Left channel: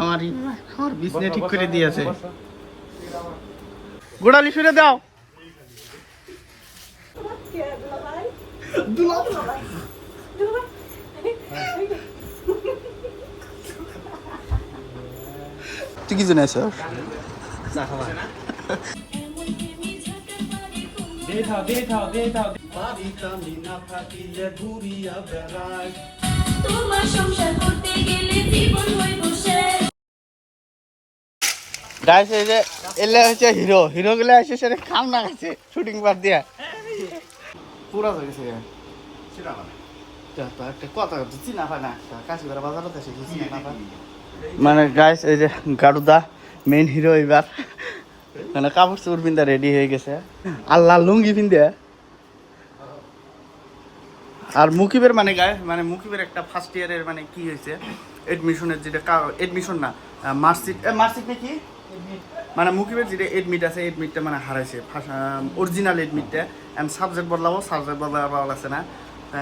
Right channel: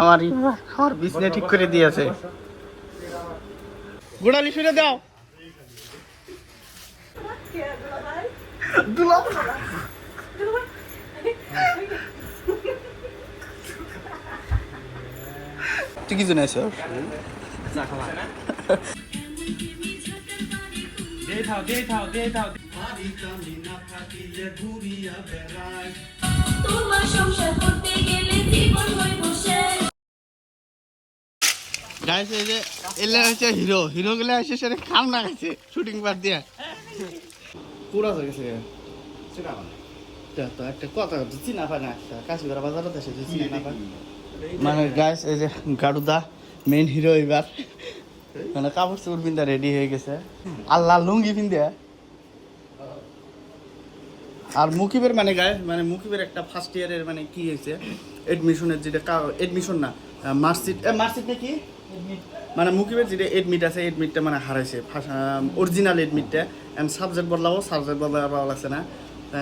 আমার খাওয়ার বিছনা ঠিক করে দিয়েছে। গোড়ালি ফিরে দাও। তুই কি জানিস? গাইস এই যে এলে হচ্ছে হিরো, হিরো গুলো এসে সেটা খাম না গেছে শুটিং বার দিয়া পুরা হয়ে গেছে। একটা কথা চিনা হয় না, একটা কাশিগড়া বাজারত এসে চিনা না পায়। মানে গাইস এই যে গাড়ুদা মেইন হিরো এবার মানে কাপড় চোপড় পিন্ধা রেডি হয়ে গেছে, আর লাল লুঙ্গি পিন্ধে। আর মুকিবের মানে গায়ে মানে মুকিবের একটা ফার্স্ট ইয়ারের মানে কি হয়েছে এডমিশনের যেটা এডমিশন না মার্কশিট নাকি মানে মুকিবের যেটা এডমিট আছে এডমিটটা মানে হারাইছে অরিজিনাল এডমিটটা। এন্ড সাবজেক্ট বদলাবো লাগছে না,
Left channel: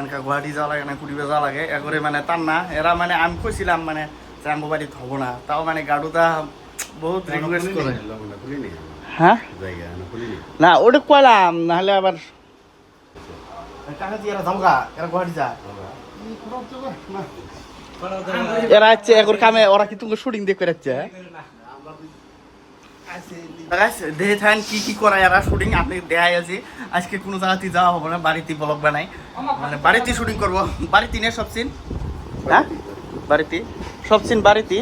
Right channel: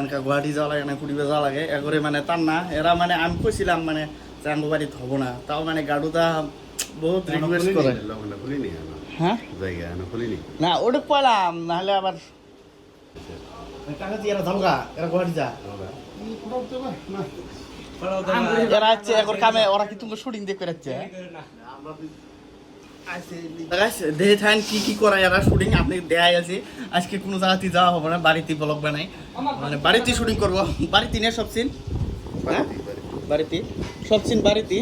এনকা গুয়াহাটি যাওয়া লাগে না কুড়িবে যাওয়া লাগে এগরে মানে তার না এরা মানে আমি কইছিলাম মানে আঙ্গো বাড়িত হব না, তাও মানে গাড়ুদা বহুত রিকোয়েস্ট করে। হ্যাঁ না ওটা কইলাম নাহলে আবার কাকা এরা যাবো গা, এরা গুয়াহাটি যা এরা হচ্ছে এগর কামে ওরা কি তুমি শুটিং দেখে রাখছে দেখে থাকেন কি কি করা এরা শুটিং আপনি দেখাই আছে। আজকে কোনো জায়গাতে যাওয়া হবে না, বাড়িতে ব্লগ বানাই মানে বাড়িতে শুটিং করবো। বাড়িতে নিয়ে সব সিন, হ্যাঁ বাড়িতে সব সিন বাড়িতে।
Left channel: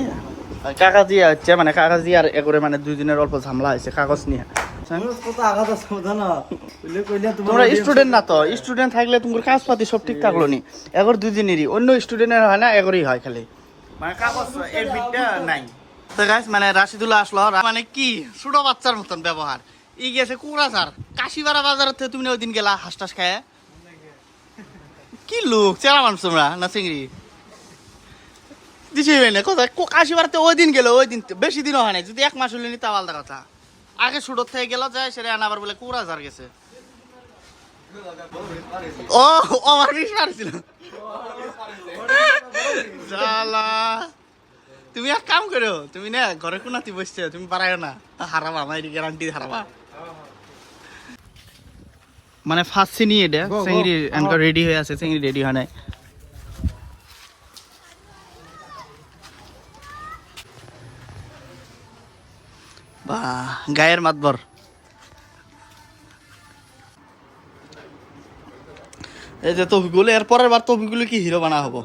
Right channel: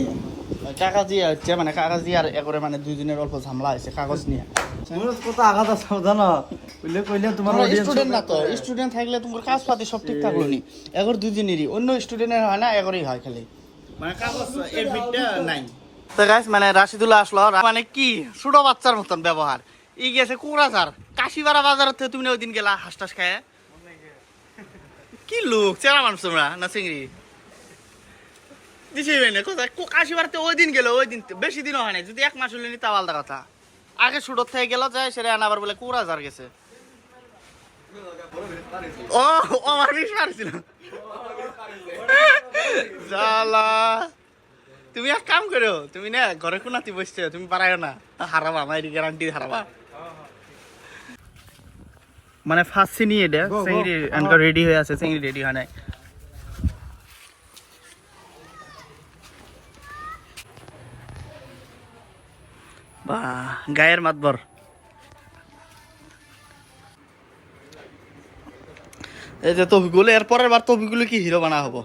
কাকাজি হচ্ছে মানে কাকাজি আর এগরে মানে দুজনের অল্প ঝামেলা হয়েছে কাগজ নিয়ে। স্টুডেন্ট না তো, স্টুডেন্ট থাকলে তোমার কাজ পাতি সব ঠিক থাকলো নি, এগর দুজনেরই অন্য স্টুডেন্টের হয় না এগরই হয় খালি মানে কাগজ এডমিটটা নাই। তো গাইস মানে রাশিদুল আসলো মানে কি ছোট বাচ্চার মতন ব্যবহার। ই গেছে কোরাসার কাশিপাড়া বাজার থেকে, তুমি ওই দিন গেলা হাঁসটাস খায় কি লোক চেরা মানুষ তোমরা না চিংড়ি দিছি না কোথায় কাশিপাড়াতে ওই দিন গেলো, ওই দিন বেশি দিনও হয় না, যদি 1 মাস হলে নি তা আলাদা কথা। আগে ছোট থেকে গেল যায় সেটা আবার বলে কোরাসার গেছে। ও আমার বিষ মারছিল জালা। তুমি এক কাম করো, তুমি না ঘরে কোনাতে বসছে তুমি পারায় না হারাবা, আমার গ্যারান্টি হারাবা। মানে ফার্স্ট সিন এটা চিংড়ি এনকা রেডি হয়ে আছে, চিংড়ি রেডি হয় নাই। বা গায়ের মাতবর এই যে তফিকুল, এর পরের বার তফিকুল কি হিরো বানা হবো।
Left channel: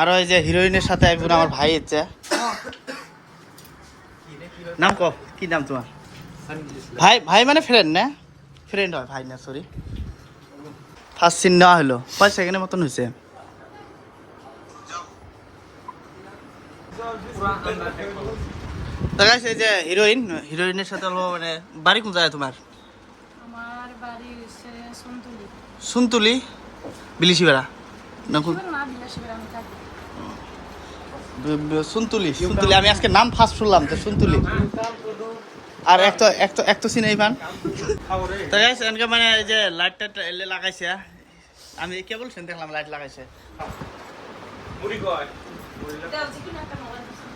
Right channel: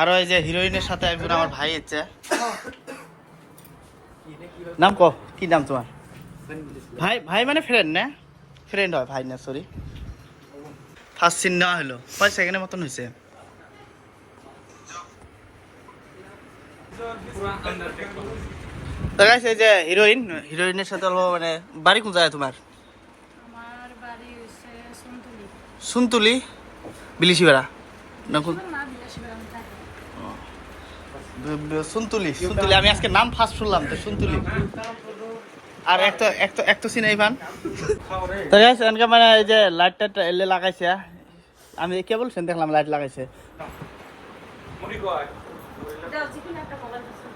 আর ওই যে হিরোইনের সাথে একজন আমার ভাই হচ্ছে, নাম ক কি নাম তোমার? ভাই ভাই মানে ফ্রেন্ড না, ফ্রেন্ড হয় ভাই না সরি। ফার্স্ট সিন নেওয়া হলো 5 সেকেন্ডের মতন হয়েছে। এই যে হিরোইন, হিরোইনের সাথে মানে বাড়ি কোন জায়গায় তোমার? আমার বাড়ি হচ্ছে সুনতুলি। সুনতুলি বিলিশিপাড়া না কোন? না বিলিশিপাড়া আমি থাকি। সুনতুলি, সুনতুলি আমি আজকে নাম ফার্স্ট শুনলাম তো সুনতুলি। আর একটা সিনেই পান তো গাইস এনকা মানে এই যে লাইটটা এলে লাগাইছে, আমি কে বলছেন দেখলাম লাইট লাগাইছে। মুড়ি কয় দাও জিকুন একটা মোবাইল দিছি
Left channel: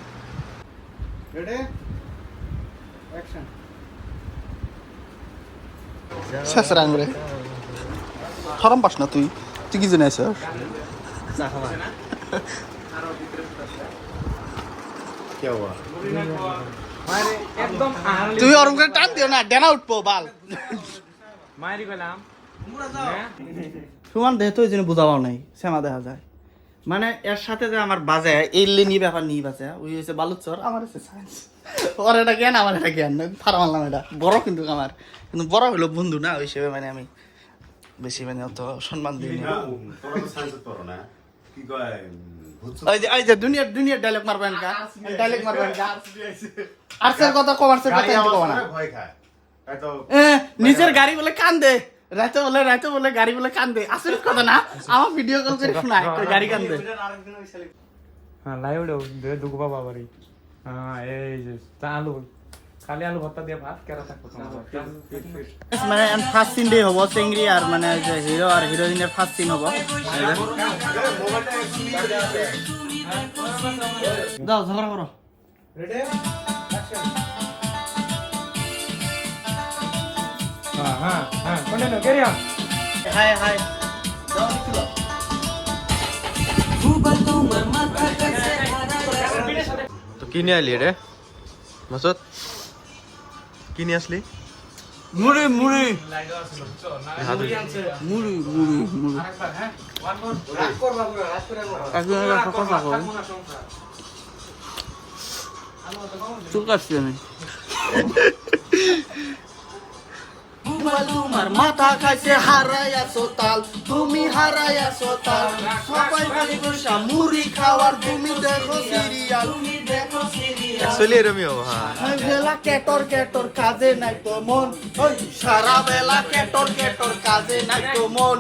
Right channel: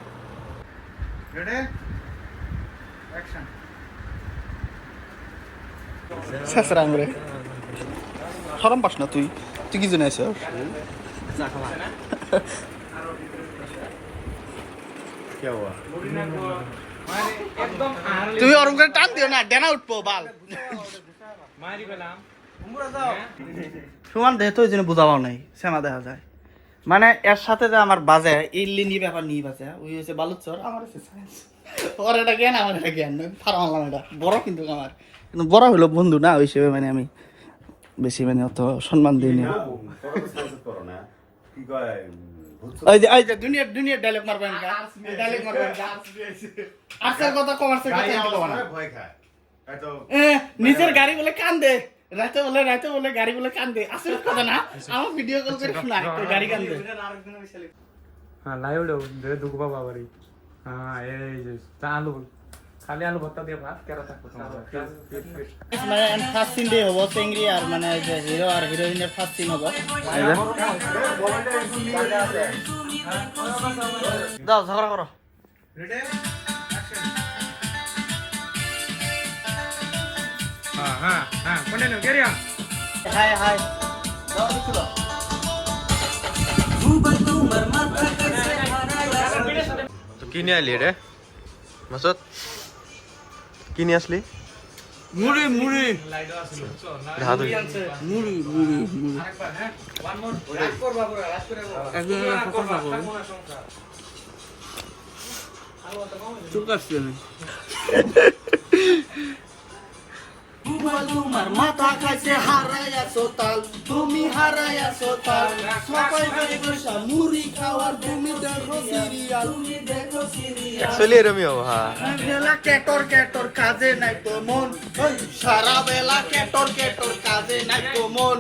রেডি অ্যাকশন। সাসরাং রে শরম পাস না তুই, তুই কি জানিস? চা খাওয়া কি হওয়া তুমি ওরম করে টান দিও না, ডেনা উঠবো বাল মারি পেলাম সমান দেহ তো ওই জন্য বোঝাও নাই শ্যামা দেখা যায়। মানে এর সাথে যে আমার বাজে এই নিয়ে ব্যাপার নিয়ে বাজে ওই হচ্ছে বালুচর, আমার হচ্ছে সায়েন্স। ওর এটা জ্ঞান আমার এটা জ্ঞান ফারা মারলাম এটা বড়, কিন্তু আমার কিন্তু বড় হলো বন্ধু না ওই হিসেবে মানে আমি বেশি মানে অত সম্মান দিই না। ওই যে দুনিয়ার ডায়লগ মারবেন কা, ডায়লগ মারবেন কা আর্টসের কথা কমার্সের কথা এন্টি কও না। নিজের গাড়ি বলে কান্দে, রাতে বলে গাড়ি বলে কান্দে, আসল কথা না। আমার ভিডিও কল করে শোনায় গাড়ি কান্দে। হ্যাঁ লাইভ দে দুগো বাবা বাড়ি। হ্যাঁ এই যে আলু খালি আলু ভর্তা দিয়ে ভাত কেরা থাকতো তোমার মানে ফার্স্ট সিন ডে হবো চেংড়ি আর মানে যে হিরো আর হিরোইনের ফার্স্ট সিন হবো। দাও ঝগড়া করো। Ready action. হ্যাঁ হ্যাঁ continue carry on. High high দাও দেখো তো কি নিয়ে আলি রে মাসুদ? কি নিয়ে আসলি? মুড়ি মুড়ি হাত মুড়ি মুড়ি মুড়ি আরেকবার হ্যাঁ ওয়ান মোর রাজ করবা পুরো রাজ করে একদম একটা কথা কই চুপ আছি আমি তোমার মাথা খাইছে হারাইয়াছো তাল, তুমি হারাইয়াছো তাল, সবাই বসে বসে মুড়ি খাওয়ার তুমি দেখো সিরিয়াল, তুমি দেখো সিরিয়াল। অ্যাকচুয়ালি এরমিও হ্যাঁ। বেলা কেটর কেটর কাজে নাই তো মন, ওই সারা বেলা কেটর কেটর কাজে নাই তো মন,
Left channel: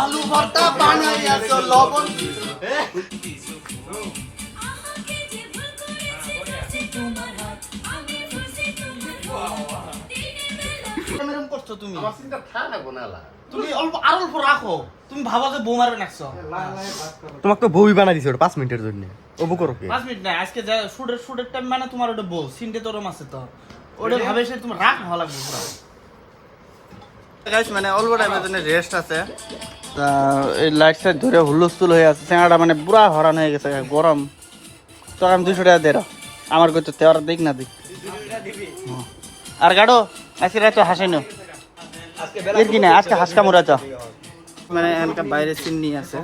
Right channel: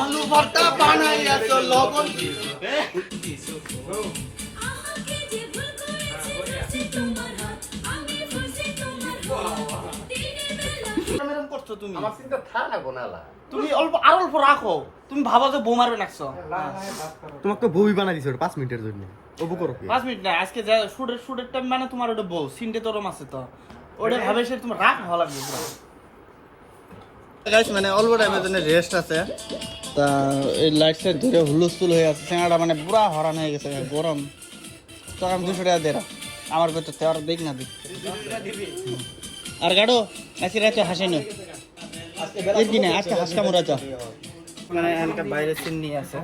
আলু ভর্তা বানাইয়াছো লবণ এরকম করছো তুমি। তুমি অল্প আর অল্প রাখো, তুমি ভাবো যে বউ মারবে নাকছো। তোমাকে তো বউই বানাই দিছে ওটা 5 মিনিটের জন্য। ও বউ করো কি? 5 মিনিট না, আজকে যা শুটের টাইম মানে তোমার ওটা বউ সিনটে তোরম আছে তো ওটা ভাবে সে তোমার রাখ ভালো লাগবে পুরো। গাইস মানে অল্প টাইমের জন্য রেস্ট আছে, তা এই লাইট সাইড ধরে হুলস্থুল হয়ে আছে, চেহারাটা মানে পুরা হরান হয়ে গেছে, গরম। তো আমি 200 টাকা দে আমার কইতে তেওয়ার দেখ না দিক আর গাড়ো আজকে রাতে হাসেনো এর কি না আজকে হাসকা মুরাচ মানে এনকা বাইরে সিন নিয়ে আছে।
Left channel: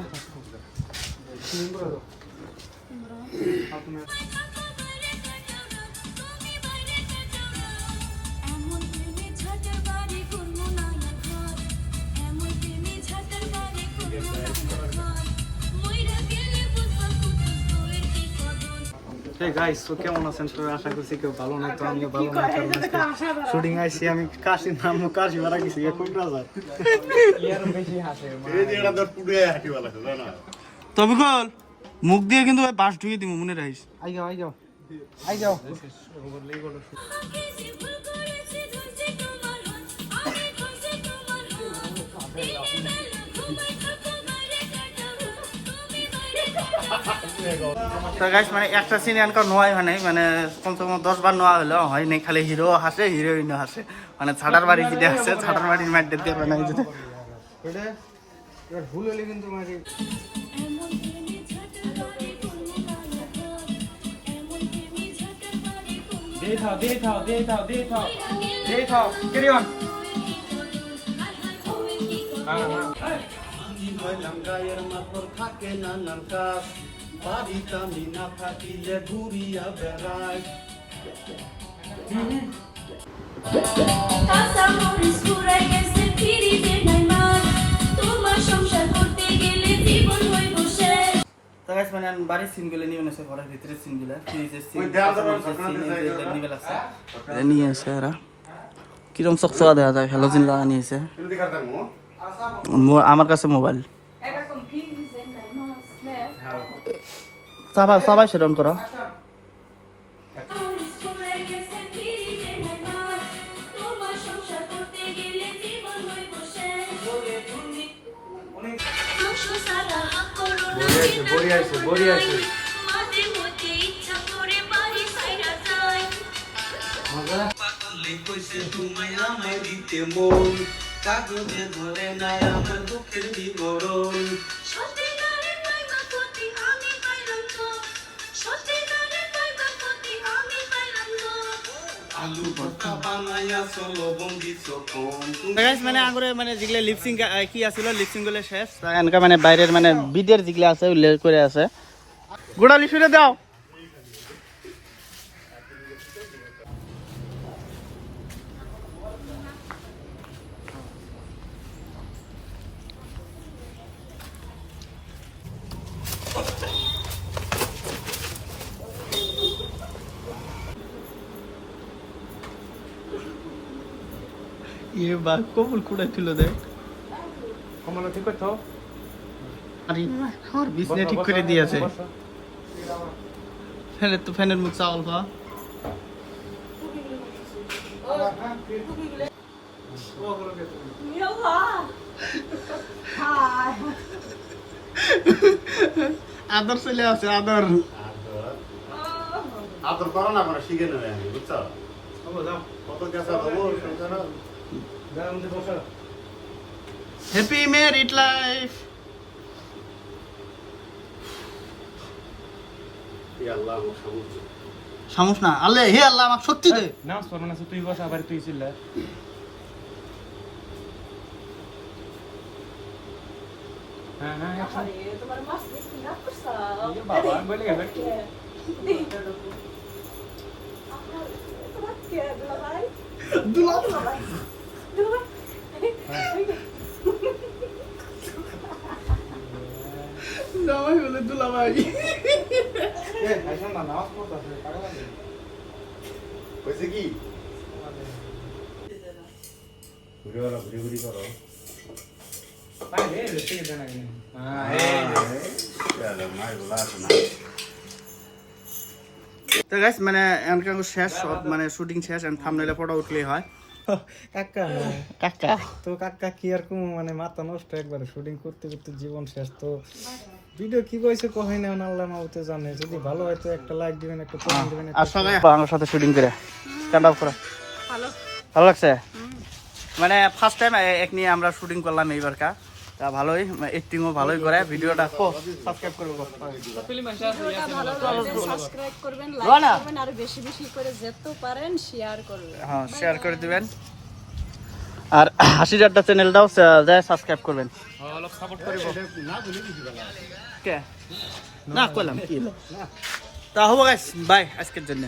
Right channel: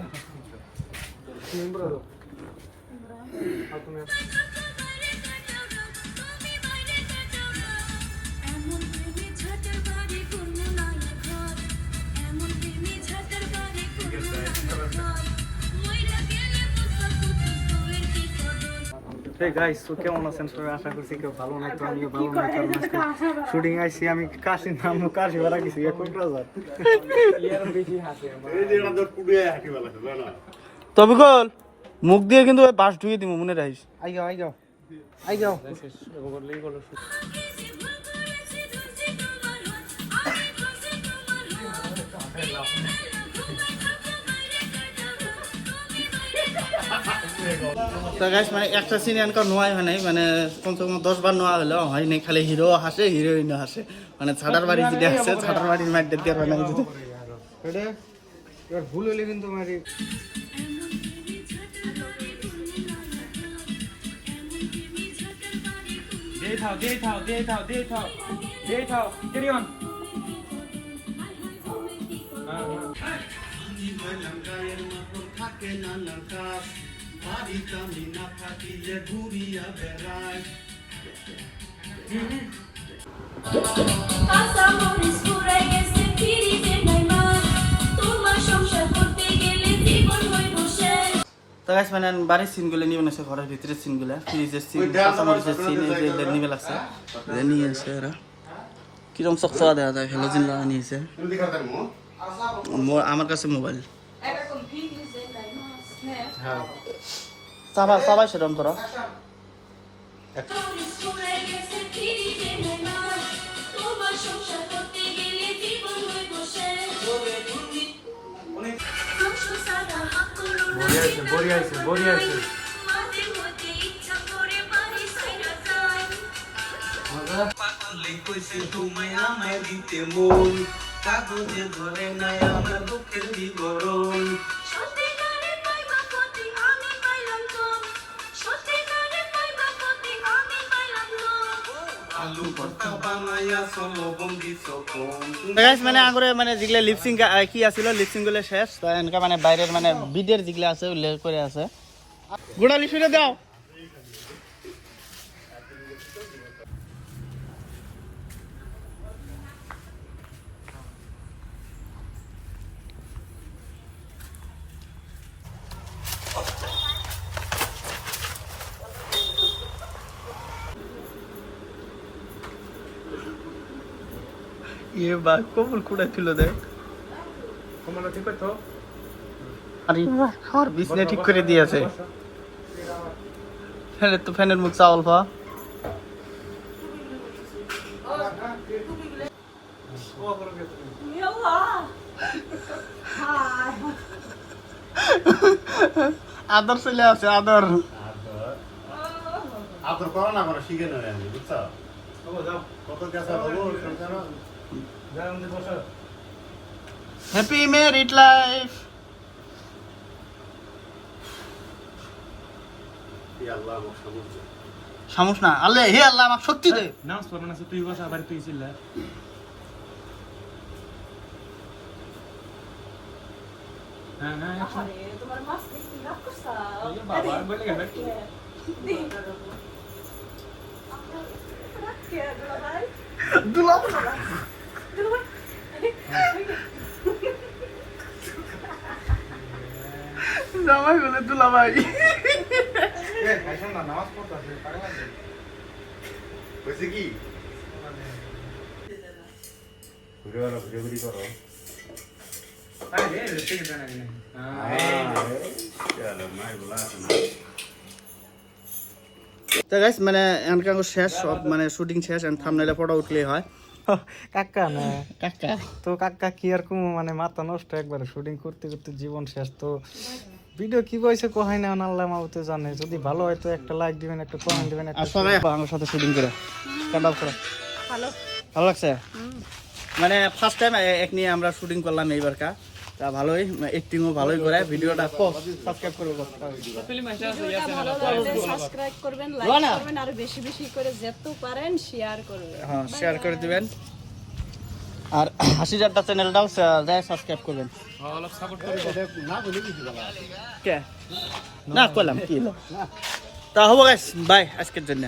Hey guys, so কেমন আছেন সবাই? আশা করছি কেউ ভালো নাই, তো আমিও ভালো নাই, কারণ আজকে শুটিং আইছি আমি কাশির নাম কাশি ভরা গেছি এখন রাজার ইয়ার বেশি হাসে এই যে এটা পুড়ে হাঁটি ভালো আছে না। তবে কল মুখ দিয়ে কিন্তু বাস ঢুকিয়ে দিব মনে রাখিস। আই যাও আই যাও তো গাইস মানে একটা সিন এনকা নোয়াই হয় নাই, মানে কমসে কম 10 বার নোয়া হলো হয় নাই, খালি হিরো হাসে হিরোইনও হাসে, মানে ছাটার বাড়ি যেটা আছে ছাটার বাড়ির মাইন্ডে দিয়ে বানাই যেতে। এটা এবার ভুল হলে কিন্তু মারি দে থাও ক্যারি অন। গায়ের মাথর থাকে নানান কাজ, বাড়িতে আমি না থাকিলে ঘুরিয়া বেড়াই। তো গাইস মানে বাড়ির সিনগুলো নিয়ে আছে, ঘরের ভিতরের সিনগুলো, ফ্রিজের সিন, কাঁচামরিচের সিন, এই যে নিয়ে আছে, নিয়ে আছে এরা কিরকম চকচকা দেখা যায়, হ্যালোজিন লাগা নিয়েছে। আমার কাছে মোবাইল সবাই সবাই সেরকম করো। তুমি আমায় দিতে মন কাগজে ধরে নাই আমার দুঃখের বিবরণ। মানে আগরে মানে যেগুলা লিপসিং কি আছিল লিপসিং গুলো শেষ, এনকা মানে বাইরের মানে বিদের যেগুলা আছে উল্লেখ করে আছে। গোড়া লিপসিংটা দাও। ये बात को बुलकुड़ा तुलो दे কমলা ঠিক করছো? আরে খাবার বিছনা ঠিক করে দিয়েছে। ফেলে তো ফ্যানের মুখ চাওয়াল পা আদর চলে আছে আদর। আদর করো না করে শিখে নেবে আমি বুঝছো কত গেছা বলো শুনছো না হ্যাপি ম্যারিড লাইফ। আল্লাহ আমার সমুদ্র সমস্যা না আল্লাহ, হে আল্লাহ আমাকে শক্তি দে। নামাজ পড়বো না তুই বস আবার তুই চিল্লা হ্যাঁ না তোমার মাছ দেখছি না করছাও বাবা বলে গেল দুলা জামাই বলে দুলা ভাই। নামাজ পড়তেছে হয়েছে কি ঘুরে করো তো গাইস মানে এনকাঙ্গ শেষ সব মানে শুটিং শেষ এন্ড থাম্বনেলে ফটো উঠলেই হয়। কাকা না কাকা তো কাকা কি আর কম মানে মাথা নষ্ট একবারে শুটিং করতে করতে জীবন শেষ। তো ভিডিও কি কইছে কোহাই না আল্লাহ মাউতে জানে। যদি ভালো হয় তো একটা লাইক দিবেন, একটা কমেন্ট দিবেন। আর সবাই আমার সাথে শুটিং করে স্ট্যান্ড আপ করে ভালো ভালো লাগছে। মানে ফার্স্ট টাইম এক নিয়ে আমরা শুটিং করলাম এইবার কা, তা ভালোই এক্টিংও ভালোই করে। ভিডিওটা সাবস্ক্রাইব করবে ভিডিওটা ভালো লাগলে সাবস্ক্রাইব করবেন, লাইক রোনা। করবেন আর বেশি বেশি করে যত পারেন শেয়ার করবেন। হ্যাঁ শেয়ার করে দিবেন। আর হাসিজারটা চ্যানেলটাও সাবস্ক্রাইব করবেন। অলপ সাপোর্ট করিব না বলে কিছু বলা কে না করলাম কি তা হবো গাইস, বাই আজকের জন্য।